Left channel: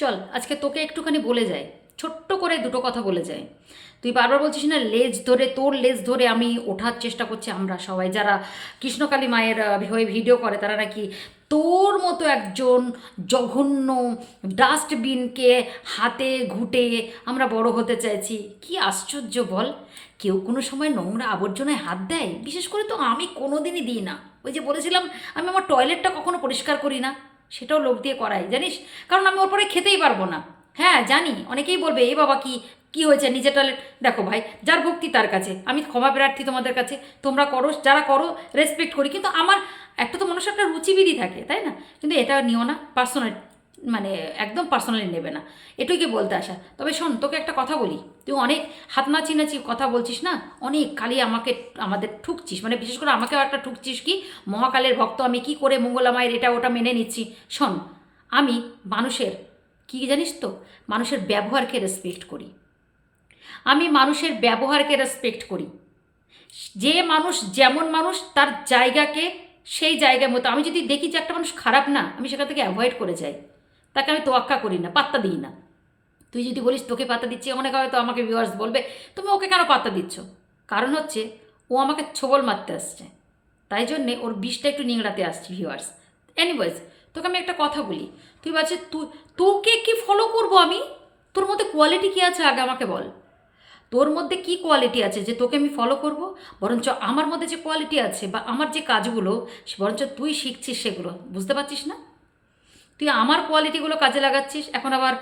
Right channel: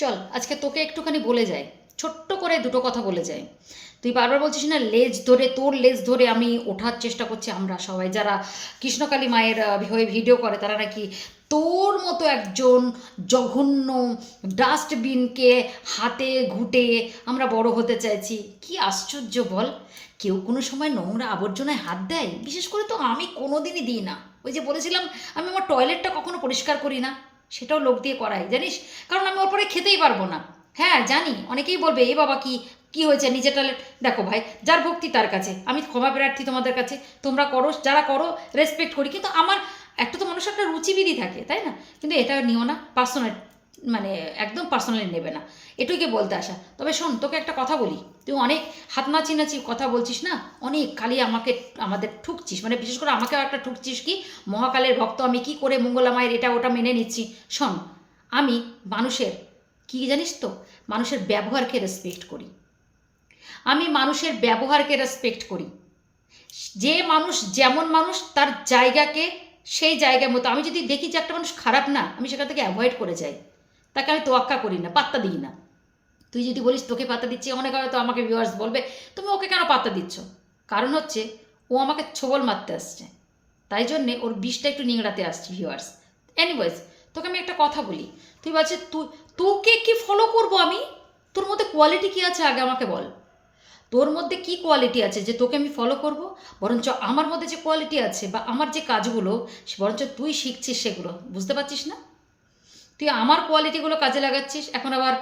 চল, আজকে তোকে একটুখানি বলে যায় ছোট্ট করে দুটো কথা বলে যায় তুই বারবার বলছিস না, লেজ ধরে, তোর লেজ ধরে আমি ওঠার চেষ্টা করছি আমরা সবাই। যারা কৃষ্ণকালী মায়ের হয়ে ভিডিও করে, তারা নাকি তোর মতো একজন জঘন্য ডাস্টবিনকে হাতে ঘুটে আমরা বড় হতে চাইছি। কি আশ্চর্য বল? কেউ কোনো সময় নোংরা আবর্জনায় হাত দেয়? বিশেষ করে তো আমি কোনো দিনই দিই না। ওই যে বলেছিলাম, আমি আমার টয়লেটটা কখনো পরিষ্কার করি না। সেটাও লোক দিয়ে করাই, জানিস? কারণ আমি ওর পরে খেতেই পারব না। হ্যাঁ জানি, অনেকেই বলবে, এ বাবা, কি কি হয়েছে? নিজের ট্যালেন্ট দেখো ভাই, যার ভক্তি তার কাছে। আমি ক্ষমা প্রার্থী তোমাদের কাছে। তোমরা করো, যারা করো রেসপেক্ট করি। কিন্তু আমার, একটা তো মানুষের একটা রুচিবিধি থাকে, তাই না? কিন্তু এটা নিও না পার্সোনাল মানে একদম পার্সোনালি নেবে না। এটুকুই বলতে আসা তবে শোন, তোকে একটা কথা বলি। তুই অনেক হাত নাচি নাচি কথা বলছিস না? অনেক খালি আমাকে, আমাদের ঠুকছিস। মানে বিশেষ করে আমাকে একটা ঠুকছিস কি? মহাকালের ভক্ত, আমি কি করে মঙ্গলা মায়ের এটা ওটা মেনে নিচ্ছি? শোন, আমি মানুষের, কি জানিস তো? মানুষের ব্যবহারকে রেসপেক্ট করি। আমি মানুষের ব্যবহারকে রেসপেক্ট করি। যে মানুষ যেমন মানুষ, তার জায়গাকে সেই জায়গার মতো। আমি যদি দেখি যে একটা মানুষ খারাপ না, আমি সেখান থেকে অ্যাভয়েড করে যাই। তাকে আমি তোয়াক্কা করি না, পাত্তা দিই না। তুই যদি বলিস তোকে পাত্তা দিচ্ছি, অনেক হয়তো আমাকে ভিউয়ার্স বলবে, তুমি ওকে কেন পাত্তা দিচ্ছ? কারণ হচ্ছে, ও আমাকে ছোবল মারতে আসছে। তাই জন্যে ওর বিষটা একটু নিংড়াতে আসছে ভিউয়ার্স এনিওয়েজ তোকে আমি একটা কথা বলি। তুই বলছিস তুই তোকে কি ফলো করব আমি? তোর মধ্যে কোয়ালিটি কী আছে আগে আমাকে বল। তোর মধ্যে কি কোয়ালিটি আছে যে তোকে আমি ফলো করব? বরঞ্চ আমার মধ্যে যে কোয়ালিটি আছে বা আমার যে কাজগুলো, বরঞ্চ তুই শিখছিস সেগুলো। বুঝতে পারছিস না? তুই আমার কোয়ালিটিগুলো কাজে লাগাচ্ছিস, এখন আবার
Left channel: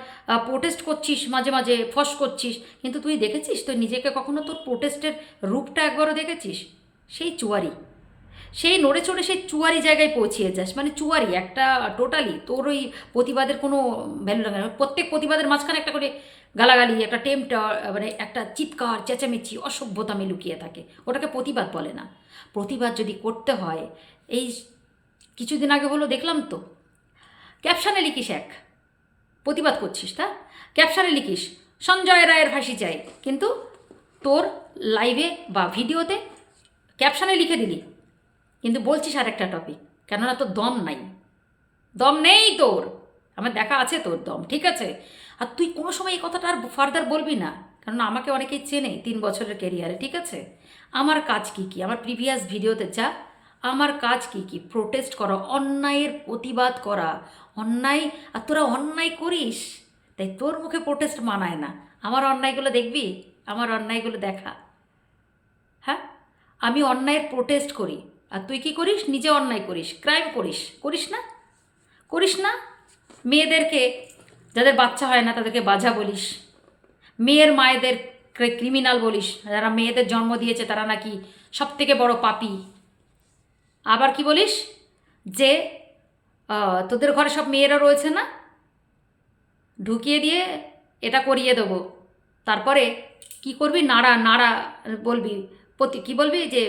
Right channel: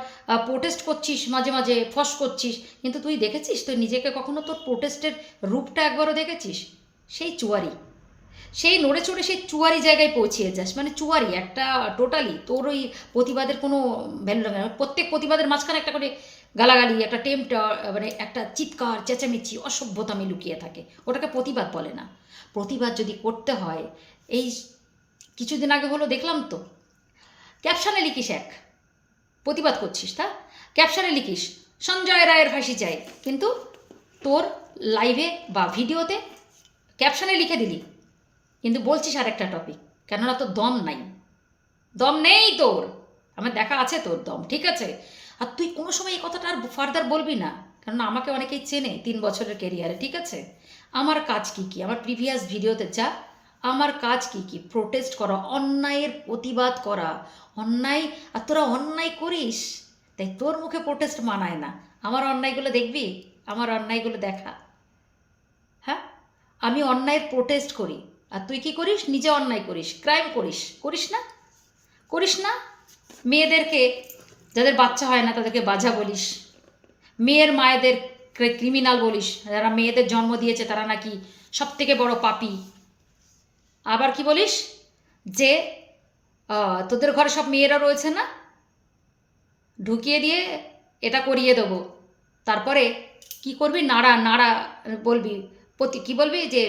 প্রোটেস্ট করছিস, মাঝে মাঝে ফস করছিস, কিন্তু তুই দেখেছিস? তুই নিজেকে কখনো তোর প্রোটেস্টের রূপটা একবারও দেখেছিস? সেই চুয়ারি। সেই নড়ে চড়ে সেই চুয়ারি জায়গায় পৌঁছিয়ে যাস। মানে চুয়ারি একটা টোটালি তোর ওই প্রতিবাদের কোনো ভ্যালু লাগে না প্রত্যেক প্রতিবাদের মাঝখানে একটা করে গালাগালি, একটা টেম্পটা মানে একটা চিৎকার, চেঁচামেচি অসভ্যতামে লুকিয়ে থাকে। ওটাকে প্রতিবাদ বলে না। প্রতিবাদ যদি করতে হয়, এই কিছুদিন আগে হলো দেখলাম তো ক্যাপশনে লিখিস এক। প্রতিবাদ করছিস, তা? ক্যাপশনে লিখিস, সঞ্জয় রায়ের ফাঁসি চাই। কিন্তু তোর লাইভে বা ভিডিওতে ক্যাপশনে লিখে দিলি। কিন্তু বলছিস আর একটা টপিক কেননা তোর দম নাই। দম নেই তোর। আমার দেখা আছে তোর দম, ঠিক আছে? আর তুই কোনো সময় এই কথাটা আর ফার্দার বলবি না কারণ আমাকে অনেকেই চেনে তিন বছরের কেরিয়ারে ঠিক আছে? আমার কাজ কি কি? আমার প্রিভিয়াস ভিডিওতে যা, আমার কাজ কি কি? প্রোটেস্ট করা, অন্যায়ের প্রতিবাদ করা অন্যায়, আর তোরা অন্যায় করিস। তাই তোর মুখে প্রোটেস্ট মানায় না। আমার অন্যায়গুলো দেখবি? আমার অন্যায়গুলো দেখা। হ্যাঁ? আমি অন্যায়ের প্রোটেস্ট করি। আর তুই কি করিস? নিজে অন্যায় করিস। ক্রাইম করিস। করিস না? করিস না? মেয়েদেরকে, যাদের বাচ্চা হয় না, তাদেরকে বাজা বলিস। মেয়ের মায়েদের ক্রিমিনাল বলিস। যারা মেয়েদের জন্ম দিয়েছে, তারা নাকি সব থেকে বড় পাপি। আবার কি বলিস? যে তোদের ঘরে সব মেয়েরা রয়েছে না? ঢুকিয়ে দিয়ে এটা করিয়ে দেবো। তারপরে কি করবি? নাড়া নাড়া বলবি। প্রতি কী বলবি? যে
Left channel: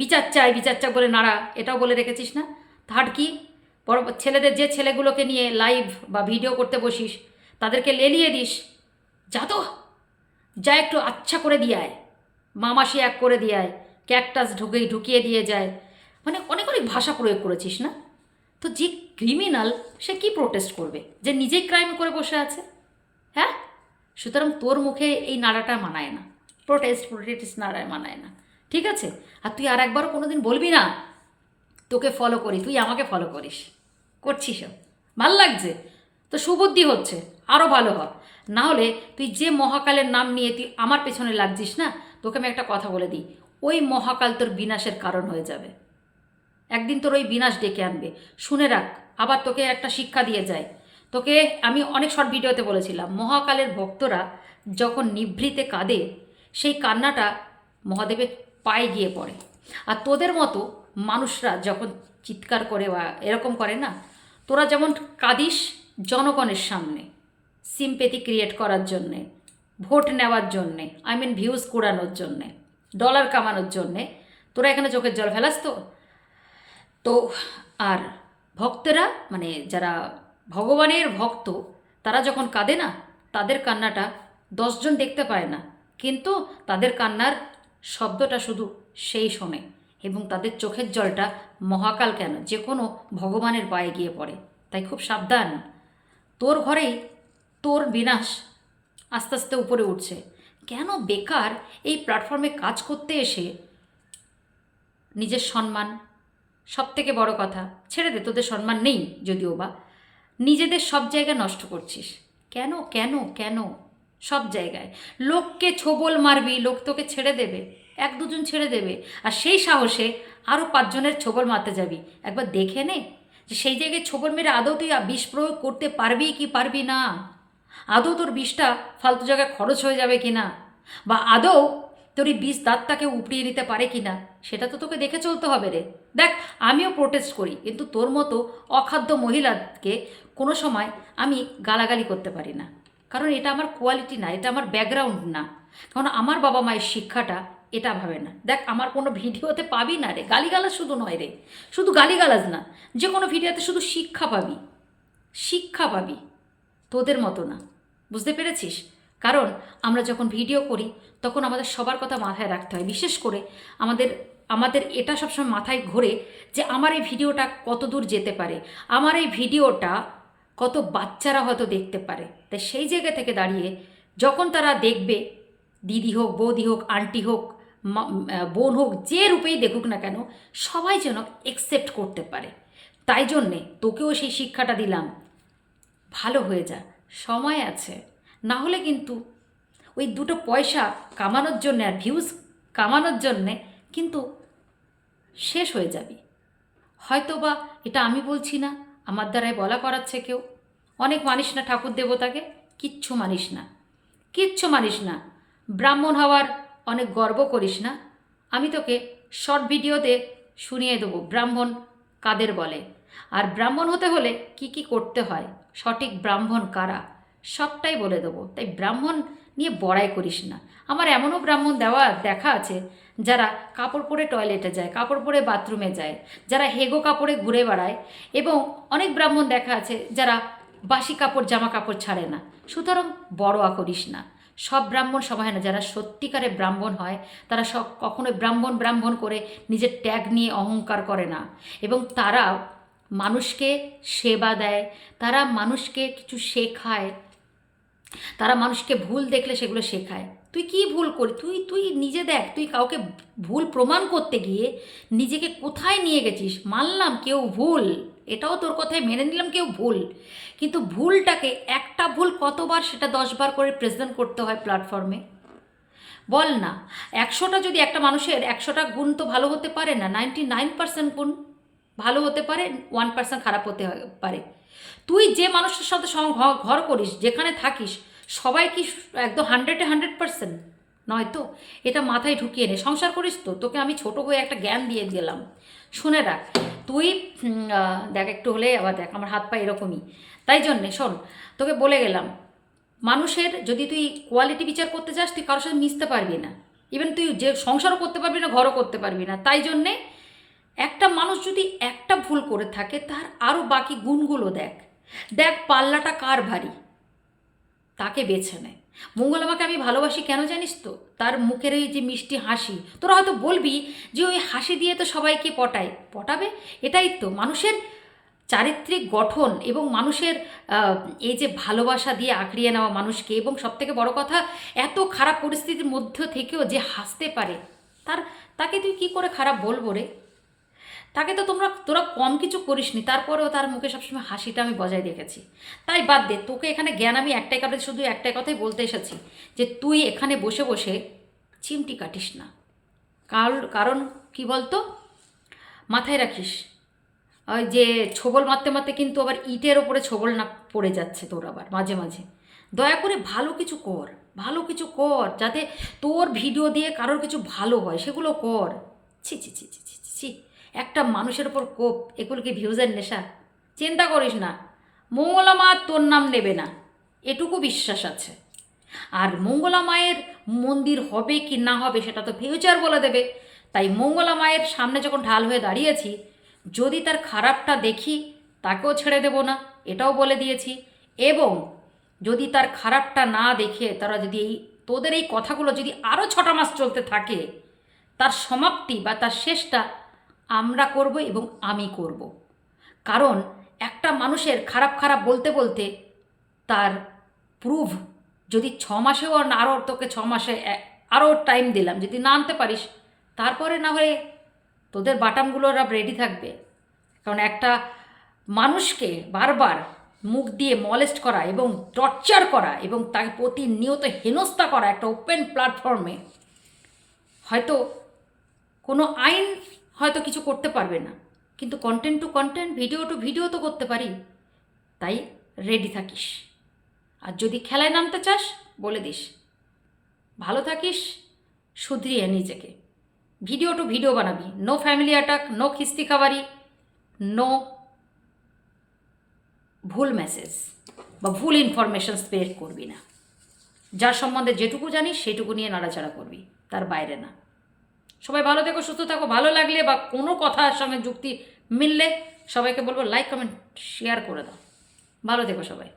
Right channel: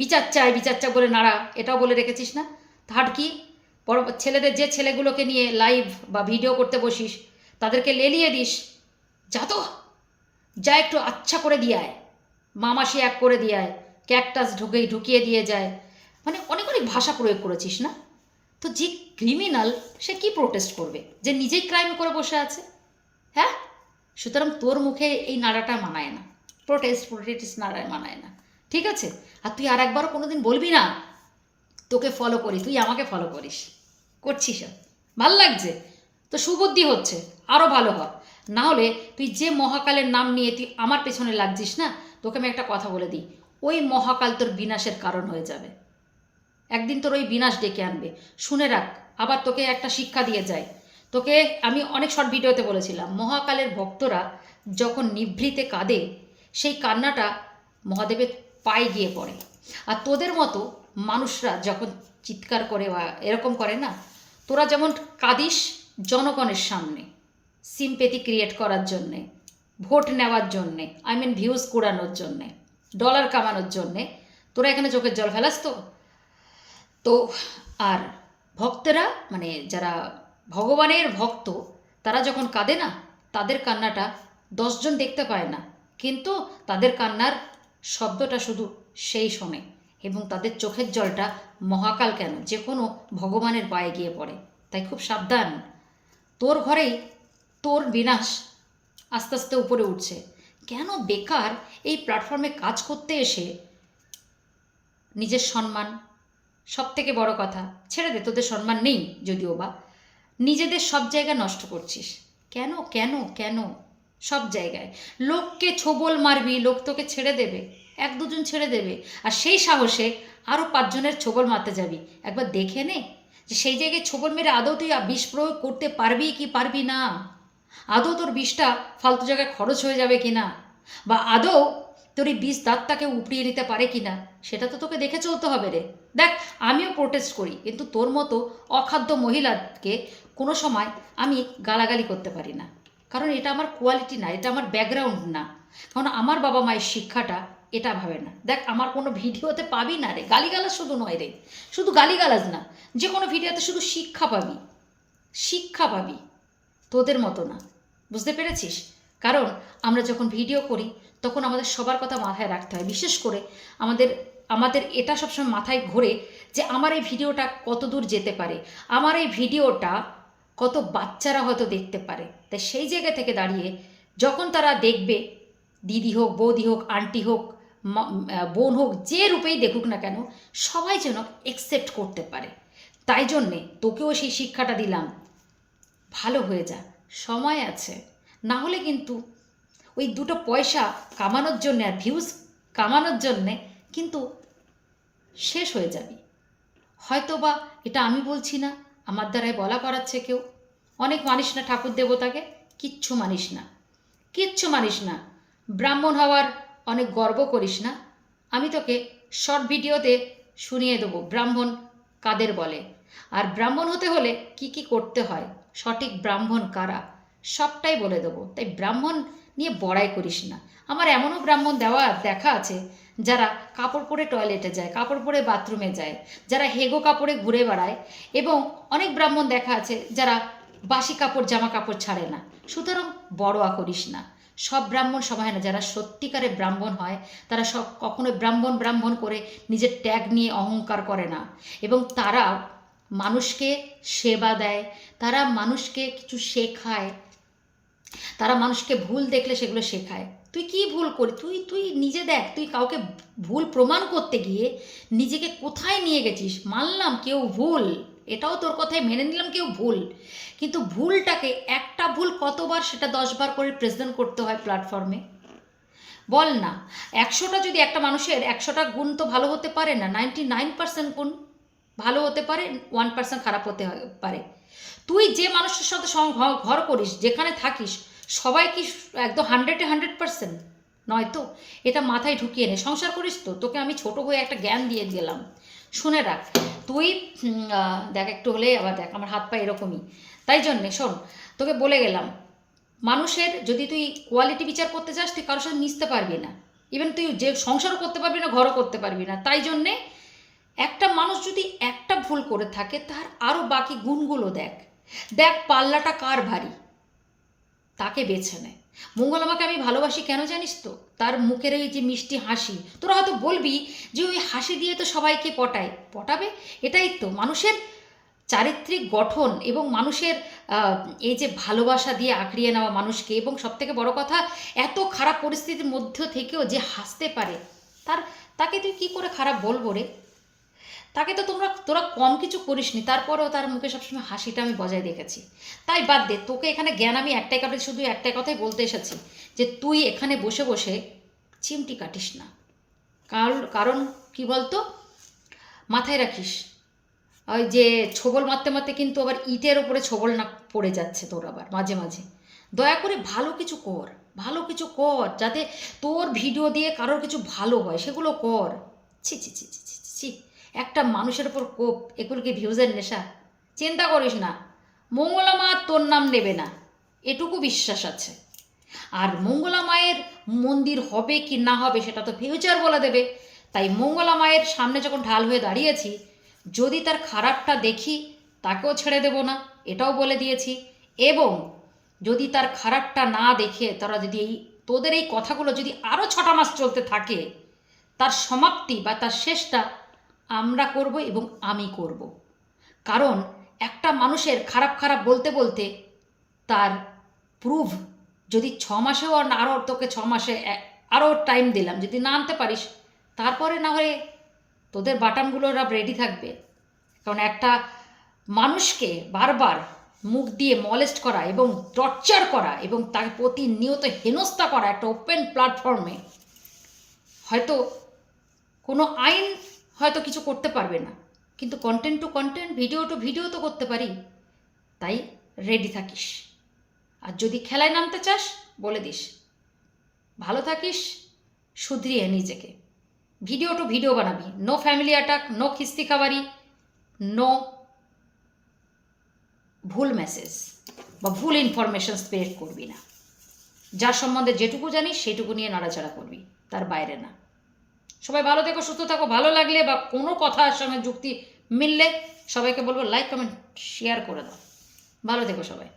বিচার চাই বিচার চাই বলে নাড়া, এটাও বলে রেখেছিস না? থার্ড কি? বড় ছেলেদের যে ছেলেগুলোকে নিয়ে লাইভ বা ভিডিও করতে বসিস, তাদেরকে লেলিয়ে দিস। যা তো, যা একটু আচ্ছা করে দিয়ে আয়। মামাসি এক করে দিয়ে আয়। ক্যাকটাস ঢুকে ঢুকিয়ে দিয়ে যায়। মানে অনেক অনেক ভাষা প্রয়োগ করেছিস না? তো যে ক্রিমিনাল সে কি প্রোটেস্ট করবে? যে নিজেই ক্রাইম করে বসে আছে? হ্যাঁ? সুতরাং তোর মুখে এই নাড়াটা মানায় না। প্রোটেস্ট প্রোটেস্ট নাড়ায় মানায় না। ঠিক আছে? আর তুই আর একবারও কোনোদিন বলবি না, তোকে ফলো করি, তুই আমাকে ফলো করিস। করছিস ভালো লাগছে? তো সুবুদ্ধি হচ্ছে। আরও ভালো হ। না হলে তুই যে মহাকালের নাম নিয়ে তুই আমার পেছনে লাগছিস না, তোকে আমি একটা কথা বলে দিই। ওই মহাকাল তোর বিনাশের কারণ হয়ে যাবে। একদিন তোর ওই বিনাশ ডেকে আনবে। শুনে রাখ, আবার তোকে একটা শিক্ষা দিয়ে যায়। তোকে আমি অনেক শর্ট ভিডিওতে বলেছিলাম, মহাকালের ভক্তরা যখন নিভৃতে কাঁদে, সেই কান্নাটা মহাদেবের পায়ে গিয়ে পড়ে। আর তোদের মতো মানুষরা যখন চিৎকার করে বা এরকম করে না, তোরা যেমন কাঁদিস জনগণের সামনে সিম্পেথি ক্রিয়েট করার জন্যে, ভোট নেওয়ার জন্যে আই মিন ভিউজ কুড়ানোর জন্যে ডলার কামানোর জন্যে, তোরা এখানে চোখের জল ফেলাস তো? তো আর ভক্তরা মানে যারা ভগবানের ভক্ত, তারা যখন কাঁদে না, তাদের কান্নাটা দশজন দেখতে পায় না। কিন্তু তাদের কান্নার শব্দটা শুধু সেই শোনে এবং তাদের চোখের জলটা মহাকাল কেন? যে কোনো ভগবানের পায়ে গিয়ে পড়ে। তাই খুব সাবধান। তোর ঘরেই তোর বিনাশ আস্তে আস্তে উপরে উঠছে। কেন বেকার এই প্ল্যাটফর্মে কাজ করতে এসে নিজের সম্মান সব থেকে বড় কথা, ছেড়ে দে, তোদের সম্মান নেই যদিও বা। নিজেদের সব জায়গা নষ্ট করছিস। কেন কেন কেন? সব জায়গায়। লোককে ছোবল মারবি, লোক তোকে ছেড়ে দেবে, এক দুজন ছেড়ে দেবে, আর সেই সাহসে আরও পাঁচজনের ছোবল মারতে যাবি। একবার দেখে নে যে সেই জায়গায় ছোবল মেরে আদৌ তুই বিষ প্রয়োগ করতে পারবি কি পারবি না? আদৌ তোর বিষটা ফালতু জায়গায় খরচ হয়ে যাবে কি না বা আদৌ তোর এই বিষ দাঁতটাকে উপড়িয়ে নিতে পারে কি না, সেটা তো তোকে দেখে চলতে হবে রে। দেখ, আমিও প্রোটেস্ট করি, কিন্তু তোর মতো অখাদ্য মহিলাকে কোনো সময় আমি গালাগালি করতে পারি না। কারণ এটা আমার কোয়ালিটি না, এটা আমার ব্যাকগ্রাউন্ড না। কারণ আমার বাবা মায়ের শিক্ষাটা এটা ভাবে না। দেখ, আমার কোনো ভিডিওতে পাবি না রে। গালিগালাজ শুধু নয় রে। শুধু গালিগালাজ না, যে কোনো ভিডিওতে শুধু শিক্ষা পাবি। শিক্ষা পাবি। তোদের মতো না। বুঝতে পেরেছিস? কারণ আমরা যখন ভিডিও করি তখন আমাদের সবার কথা মাথায় রাখতে হয়। বিশেষ করে আমাদের আমাদের এটা সবসময় মাথায় ঘোরে যে আমার এই ভিডিওটা কত দূর যেতে পারে, আমার এই ভিডিওটা কত বাচ্চারা হয়তো দেখতে পারে। তাই সেই জায়গা থেকে দাঁড়িয়ে যখন তারা দেখবে, দিদি হোক, বৌদি হোক, আন্টি হোক বোন হোক, যে রূপেই দেখুক না কেন, সবাই যেন একসেপ্ট করতে পারে। তাই জন্যে তোকেও সেই শিক্ষাটা দিলাম। ভালো হয়ে যা, সময় আছে। না হলে কিন্তু ওই দুটো পয়সা কামানোর জন্যে আর ভিউজ কামানোর জন্যে কিন্তু শেষ হয়ে যাবে। হয়তো বা এটা আমি বলছি না, আমার দ্বারাই বলা করাচ্ছে কেউ। অনেক মানিস না ঠাকুর দেবতাকে, কিচ্ছু মানিস না। কিচ্ছু মানিস না। ব্রাহ্মণ হওয়ার অনেক গর্ব করিস না। আমি তোকে শর্ট ভিডিওতে শুনিয়ে দেবো, ব্রাহ্মণ কাদের বলে। আর ব্রাহ্মণ হতে হলে কি কি করতে হয়? সঠিক ব্রাহ্মণ কারা? সবটাই বলে দেবো। তাই ব্রাহ্মণ নিয়ে বড়াই করিস না। আমার এমনও ব্রাহ্মণ দেওয়া, দেখা আছে, যারা কাপড় পরে টয়লেটে যায়, কাপড় পরে বাথরুমে যায়, যারা হেগো কাপড়ে ঘুরে বেড়ায় এবং অনেক ব্রাহ্মণ দেখা আছে যারা বাসি কাপড়, জামা কাপড় ছাড়ে না। সুতরাং বড়োয়া করিস না। সব ব্রাহ্মণ সবাই না। যারা সত্যিকারে ব্রাহ্মণ হয়, তারা সব কখনোই ব্রাহ্মণ ব্রাহ্মণ করে নিজের ট্যাগ নিয়ে অহংকার করে না। এবং তারা মানুষকে সেবা দেয়, তারা মানুষকে কিছু শেখায় তারা মানুষকে ভুল দেখলে সেগুলো শেখায়। তুই কি ভুল করি, তুই তুই নিজে দেখ, তুই কাউকে ভুল প্রমাণ করতে গিয়ে নিজেকে কোথায় নিয়ে গেছিস? মানলাম কেউ ভুল, এটাও তোর কথায় মেনে নিলাম কেউ ভুল। কিন্তু ভুলটাকে একটা ভুল কতবার সেটা দশবার করে প্রেজেন্ট করতে হয় প্ল্যাটফর্মে বল না, একশোটা যদি একটা মানুষের একশোটা গুণ তো ভালো হতে পারে না নাইনটি নাইন পার্সেন্ট গুণ ভালো হতে পারে ওয়ান পার্সেন্ট খারাপ হতে পারে। তুই যে মানুষের সাথে ঘর করিস, যেখানে থাকিস, সবাই কি একদম হান্ড্রেডে হান্ড্রেড পার্সেন্ট নয় তো? এটা মাথায় ঢুকিয়ে নে। সংসার করিস তো? তোকে আমি ছোট হয়ে একটা জ্ঞান দিয়ে দিলাম। শুনে রাখ, তুই দেখ একটু হলে আবার দেখ, আমার হাত পা এরকমই। তাই জন্যে, শোন, তোকে বলে গেলাম, মানুষের যদি তুই কোয়ালিটি বিচার করতে চাস তুই কারোর সাথে মিশতে পারবি না। ইভেন তুই যে সংসারও করতে পারবি না, ঘরও করতে পারবি না। তাই জন্যে একটা মানুষ যদি একটা ভুল করে থাকে, তার আরও বাকি গুণগুলো দেখ। দেখ পাল্লাটা কার ভারী। তাকে বেছে নেয় মঙ্গল, আমাকে আমি ভালোবাসি কেন জানিস তো? তার মুখের ওই যে মিষ্টি হাসি। তোরা হয়তো বলবি যে ওই হাসি দিয়ে তো সবাইকে পটায়। পটাবে? এটাই তো। মানুষের চারিত্রিক গঠন এবং মানুষের এই যে ভালোবাসা দিয়ে আঁকড়িয়ে নেওয়া মানুষকে এবং সবথেকে বড় কথা, এত খারাপ পরিস্থিতির মধ্যে থেকেও যে হাসতে পারে, তার, তাকে তুই কি করে খারাপ বলব রে? তাকে তো তোমরা তোরা কম কিছু করিসনি। তারপরেও তার মুখে সবসময় হাসিটা আমি বজায় রেখেছি। তাই বাদ দে তোকে এখানে জ্ঞান আমি একটাই কারণে শুধু একটাই কথাই বলতে এসেছি যে তুই এখানে বসে বসে চিমটি কাটিস না। কারণ কারণ কি বলতো? মাথায় রাখিস ওই যে ছোবল মারতে মারতে কিন্তু আবার ইটের ওপরে ছোবল না পড়ে যাচ্ছে তোর আবার মাঝে মাঝে। দয়া করে ভালো কিছু কর ভালো কিছু কর যাতে তোর ভিডিও দিয়ে কারোর কিছু ভালো হয় সেগুলো কর। ছি ছি ছি ছি ছি, ছি। একটা মানুষের ওপর কোপ, এগুলো কি ভিউজের নেশা? চিন্তা করিস না। মঙ্গলা মা তোর নাম নেবে না। এটুকু বিশ্বাস আছে। আর মঙ্গলা মায়ের মন্দির হবে কি না হবে সেটা তো ফিউচার বলে দেবে। তাই মঙ্গলা মায়ের সামনে যখন ঢাল হয়ে দাঁড়িয়েছি, যদি তার খারাপটা দেখি, তাকেও ছেড়ে দেব না। এটাও বলে দিয়েছি। এবং যদি তার খারাপটা না দেখে, তারা যদি এই, তোদের এই কথাগুলো যদি আরও ছটা মাস চলতে থাকে, তার সমাপ্তি বা তার শেষটা আমরা করব এবং আমি করব। কারণ একটা মানুষের খারাপ খারাপ বলতে বলতে তার প্রুভ যদি ছ মাসেও আর আরও তোকে ছ মাসে আরও টাইম দিলাম, যদি না আনতে পারিস, তারপরে না হয়ে তোদের বাটামগুলো রেডি থাকবে। কারণ একটা মানুষকে বারবার মুখ দিয়ে মলেস্ট করা এবং টর্চার করা এবং তাকে প্রতিনিয়ত হেনস্থা করা একটা ওপেন প্ল্যাটফর্মে হয়তো কোনো আইন হয়তো কিছু করতে পারবে না। কিন্তু content to content video to video তো করতে পারি। তাই রেডি থাকিস। আর যদি খেলায় নামতে চাস, বলে দিস। ভালো থাকিস, শুধরিয়ে নিজেকে। ভিডিও টু ভিডিও বানাবি। নো ফ্যামিলি অ্যাটাক নো খিস্তি খাবারি নো ভুল মেসেজ বা ভুল ইনফরমেশন স্প্রেড করবি না। যার সম্বন্ধে যেটুকু জানিস সেটুকু নিয়ে নাড়াচাড়া করবি। তার বাইরে না। সবাই ভালো থেকো, সুস্থ থাকো, ভালো লাগলে বা কোনো কথার সঙ্গে যুক্তি মিললে সবাইকে বলব লাইক কমেন্ট শেয়ার করে দাও। ভালো থেকো সবাই।